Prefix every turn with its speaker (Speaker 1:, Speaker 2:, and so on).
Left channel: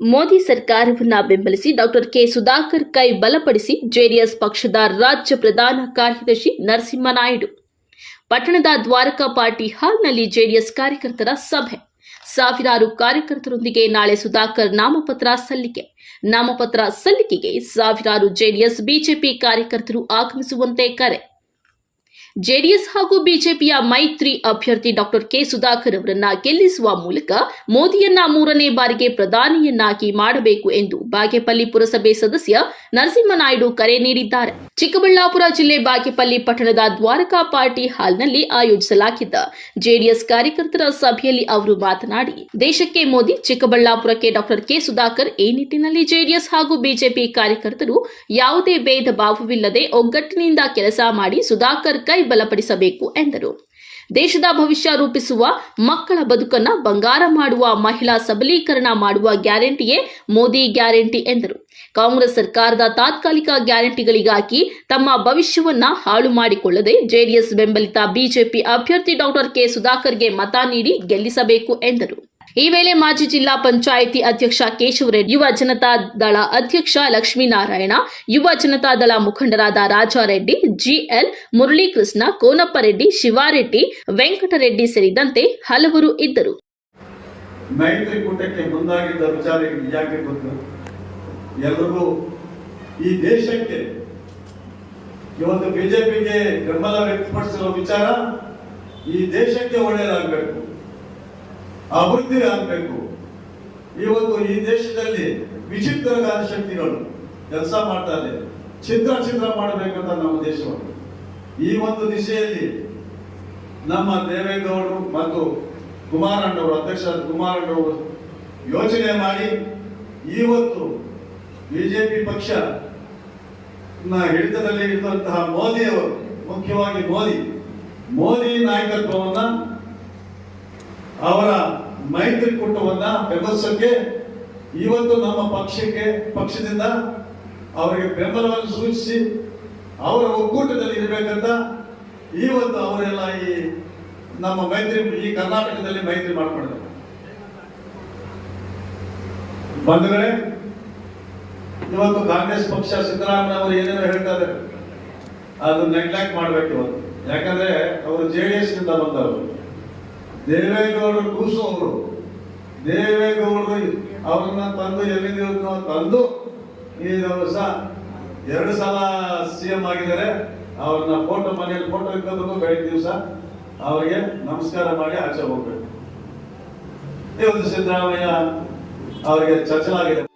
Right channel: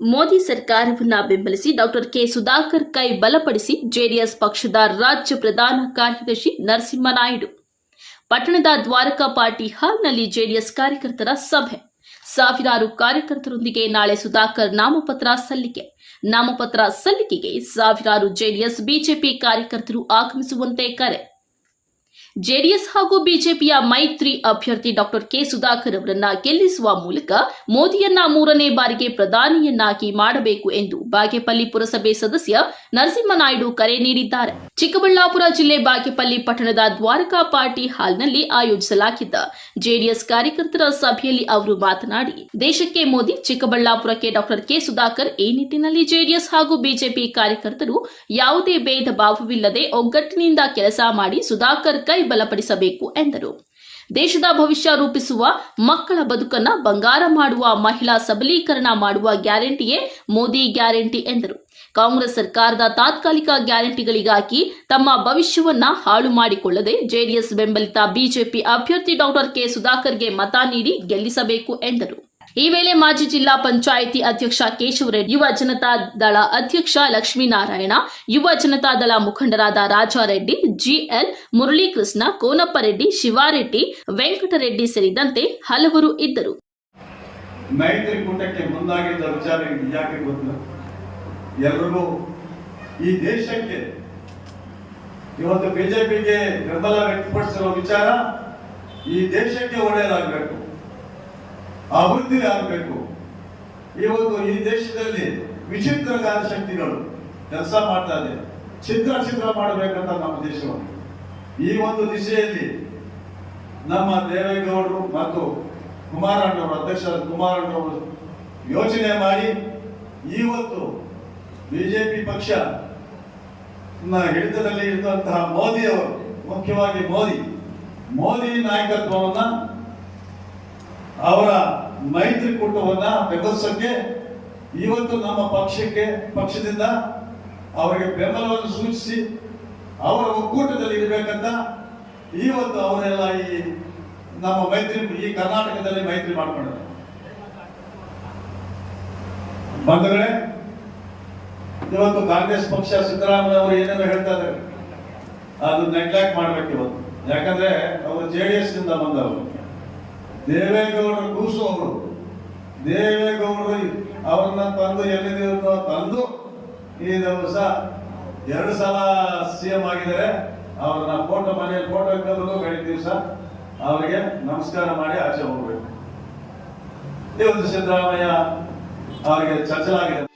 Speaker 1: ಮೋದಿ ಸರ್ಕಾರವನ್ನ ಬೆಂಬಲಿಸಿ doctor K Sudhakar ಕೈ ಬಲಪಡಿಸಿ ಜೆಡಿಎಸ್ ಪಕ್ಷದ ರಾಜ್ಯ ಪ್ರಧಾನ ಕಾರ್ಯದರ್ಶಿ ನರಸಿಂಹನಾಯ್ಡು. ಪಟ್ಟಣದ ದ್ವಾರಕಾ ಪಾರ್ಟಿ ಹಾಲ್ನಲ್ಲಿ ಜೆಡಿಎಸ್ ಕಾರ್ಯಕರ್ತರ ಸಭೆ. ಸಾವಿರಾರು ಕಾರ್ಯಕರ್ತರೊಂದಿಗೆ ನಾಳೆ ಸುಧಾಕರ್ ನಾಮಪತ್ರ ಸಲ್ಲಿಕೆ. ನಾಮಪತ್ರ ಸಲ್ಲಿಕೆಗೆ ಸಾವಿರಾರು ಜೆಡಿಎಸ್, ಬಿಜೆಪಿ ಕಾರ್ಯಕರ್ತರು ಆಗಮಿಸುವಂತೆ ಕರೆ. ಜೆಡಿಎಸ್ ಹಾಗೂ ಬಿಜೆಪಿಯ ಮೈತ್ರಿ ಅಭ್ಯರ್ಥಿ ಡಾಕ್ಟರ್ ಕೆ ಸುಧಾಕರ್ ಅವರನ್ನ ಗೆಲ್ಲಿಸುವ ಮೂಲಕ ಮೋದಿಯನ್ನ ಮೂರನೇ ಬಾರಿಗೆ ಪ್ರಧಾನಿಯನ್ನಾಗಿ ಮಾಡಬೇಕು ಎಂದು ಬಾಗೇಪಲ್ಲಿ ಪುರಸಭೆ ಸದಸ್ಯ ನರಸಿಂಹನಾಯ್ಡು ಕರೆ ನೀಡಿದ್ದಾರೆ. ಚಿಕ್ಕಬಳ್ಳಾಪುರ ಜಿಲ್ಲೆ ಬಾಗೇಪಲ್ಲಿ ಪಟ್ಟಣದ ದ್ವಾರಕಾ ಪಾರ್ಟಿ ಹಾಲ್ನಲ್ಲಿ ಆಯೋಜಿಸಲಾಗಿದ್ದ ಜೆಡಿಎಸ್ ಕಾರ್ಯಕರ್ತರ ಸಭೆಯಲ್ಲಿ ಅವರು ಮಾತನಾಡಿ, ದೇಶಕ್ಕೆ ಮೋದಿ, ಚಿಕ್ಕಬಳ್ಳಾಪುರಕ್ಕೆ ಡಾಕ್ಟರ್ ಕೆ ಸುಧಾಕರ್ ಈ ನಿಟ್ಟಿನಲ್ಲಿ ಜೆಡಿಎಸ್ ಹಾಗೂ ಬಿಜೆಪಿ ಕಾರ್ಯಕರ್ತರು ಯಾವುದೇ ಭೇದ ಭಾವವಿಲ್ಲದೆ ಒಗ್ಗಟ್ಟಿನಿಂದ ಕೆಲಸ ಮಾಡಿ ಸುಧಾಕರ್ ಕೈ ಬಲಪಡಿಸಬೇಕು ಎಂದರು. ದೇಶದ ಭವಿಷ್ಯ ರೂಪಿಸುವ ಮಕ್ಕಳ ಬದುಕನ್ನ ಬಂಗಾರ ಮಾಡುವ ಮಹಿಳಾ ಸಬಲೀಕರಣ ಮಾಡುವ ಗ್ಯಾರಂಟಿಯೇ ಮೋದಿ ಗ್ಯಾರಂಟಿ ಎಂದರು. ಕಾಂಗ್ರೆಸ್ ಸರ್ಕಾರದ ತಾತ್ಕಾಲಿಕ ಗ್ಯಾರಂಟಿಗಳಿಗಾಗಿ ತಮ್ಮ ಭವಿಷ್ಯವನ್ನ ಹಾಳು ಮಾಡಿಕೊಳ್ಳದೆ ಜೆಡಿಎಸ್ ಬೆಂಬಲಿತ ಬಿಜೆಪಿ ಅಭ್ಯರ್ಥಿ ಡಾಕ್ಟರ್ ಕೆ ಸುಧಾಕರ್ಗೆ ಮತ ನೀಡಿ ಗೆಲ್ಲಿಸಬೇಕು ಎಂದರು. ಈ ವೇಳೆ ಮಾಜಿ ಜಿಲ್ಲಾ ಪಂಚಾಯಿತಿ ಅಧ್ಯಕ್ಷ ಕೇಶವರೆಡ್ಡಿ ಯುವ ಜನತಾ ದಳ ಅಧ್ಯಕ್ಷ ಲಕ್ಷ್ಮೀನಾರಾಯಣ, ಯುವ ಜನತಾ ದಳ ಮುಖಂಡರಾದ ರಾಜಾರೆಡ್ಡಿ ಜಿಎಲ್ ಮುರಳೀಕೃಷ್ಣ ಕೋನಪ್ಪರೆಡ್ಡಿ ಶಿವಾರೆಡ್ಡಿ ವೆಂಕಟರೆಡ್ಡಿ ಸೇರಿದಂತೆ ಹಲವರು ಇದ್ದರು.
Speaker 2: ಈ ದೇಶಕ್ಕೆ ಇವತ್ತು ಬಿಜೆಪಿಗೆ ಬೆಂಬಲ ವ್ಯಕ್ತಪಡಿಸಿರೋ ವಿಚಾರ ಈ ದೇಶಕ್ಕೆ ಒಳ್ಳೆಯದಾಗಬೇಕು. ಅಭಿವೃದ್ಧಿ ಆಗಬೇಕು ಇವತ್ತು ಈ ದೇಶದಲ್ಲಿ ವಿಚಿತ್ರಕಾರಿ ಶಕ್ತಿಗಳು ಕೆಲಸ ಮಾಡ್ತಾರೆ ಚಿತ್ರ ಚಿತ್ರ ಮಾಡಬೇಕಂತ ನಮ್ಮ ದೇಶವನ್ನು. ಈ ಒಂದು ದಿಶೆಯಲ್ಲಿ ನಮ್ಮ ದೇವೇಗೌಡರು ಮತ್ತು ಕುಮಾರಣ್ಣವರು ಅಧ್ಯಕ್ಷ ಕುಮಾರಣ್ಣವರು ಯೋಚನೆ ಮಾಡಿ ಇವತ್ತು ಬಿಜೆಪಿ ಪಕ್ಷ ಹಿಡಿತದಲ್ಲಿ ಇರುವಂತಹ ಮೋದಿ ಅವರು ಮುಖ್ಯವಾಗಿ ಮೋದಿ ಮೋದಿ ನಾಯಕತ್ವವನ್ನ ಅವರ ಮೈತ್ರಿಕೂಟವನ್ನ ಬೆಂಬಲಿಸಕ್ಕೆ ಇವತ್ತು ನಮ್ಮ ಪಕ್ಷಕ್ಕೆ, ಪಕ್ಷದಿಂದ ಅವರಿಗೆ ಬೆಂಬಲವನ್ನು ಸೂಚಿಸಿ ಅವರ ಒಕ್ಕೂಟದಲ್ಲಿ ಇರಬೇಕಂತ ಇವತ್ತು ಅವರೆಲ್ಲ ಈ ನಮ್ಮ ಮೈತ್ರಿ, ಈ ಕರ್ನಾಟಕದಲ್ಲಿ ಮೈತ್ರಿ ಮಾಡಿಕೊಂಡಿದ್ದಾರೆ. ಬಂಧುಗಳೇ, ಇವತ್ತು ಕಾಂಗ್ರೆಸ್ ಪಕ್ಷ ಸಿದ್ದರಾಮಯ್ಯ ಅವರು ಏನೇನೋ ಹೇಳ್ತಾ ಇದ್ದಾರೆ. ಅದು ನೆಗ್ಲೆಕ್ಟ್ ಮಾಡಬೇಕು ಇವತ್ತು. ಯಾಕಂದ್ರೆ ಅವರು ಜೆ ಡಿ ಎಸ್ನಿಂದ ಬಂದವರು. ದೇವೇಗೌಡರು ಕೂಸು ಅವರು. ದೇವೇಗೌಡರು ಅವ್ರನ್ನ ತಂದು ಎಲ್ಲಿದ್ದೀವೋ ತಂದು ಈ ದಿವಸ ಎರಡು ಸಲ ಸಿ ಎಂ ಆಗಿದ್ದಾರೆ. ಅವ್ರನ್ನ ಫೋಟೋ ಮನೆಯಲ್ಲಿ ಫೋಟೋ ಇಕ್ಕದ್ರು ಬೆಳಿಗ್ಗೆ ದಿವಸ ಅವರಿಗೆ ನಮಸ್ಕಾರ ಮಾಡಿ ಆಚೆ ಹೋಗ್ಬೇಕು. ಇವತ್ತು ಸಿದ್ದರಾಮಯ್ಯ ಅವರಿಗೆ ಚರ್ಚಲಾಗಿದೆ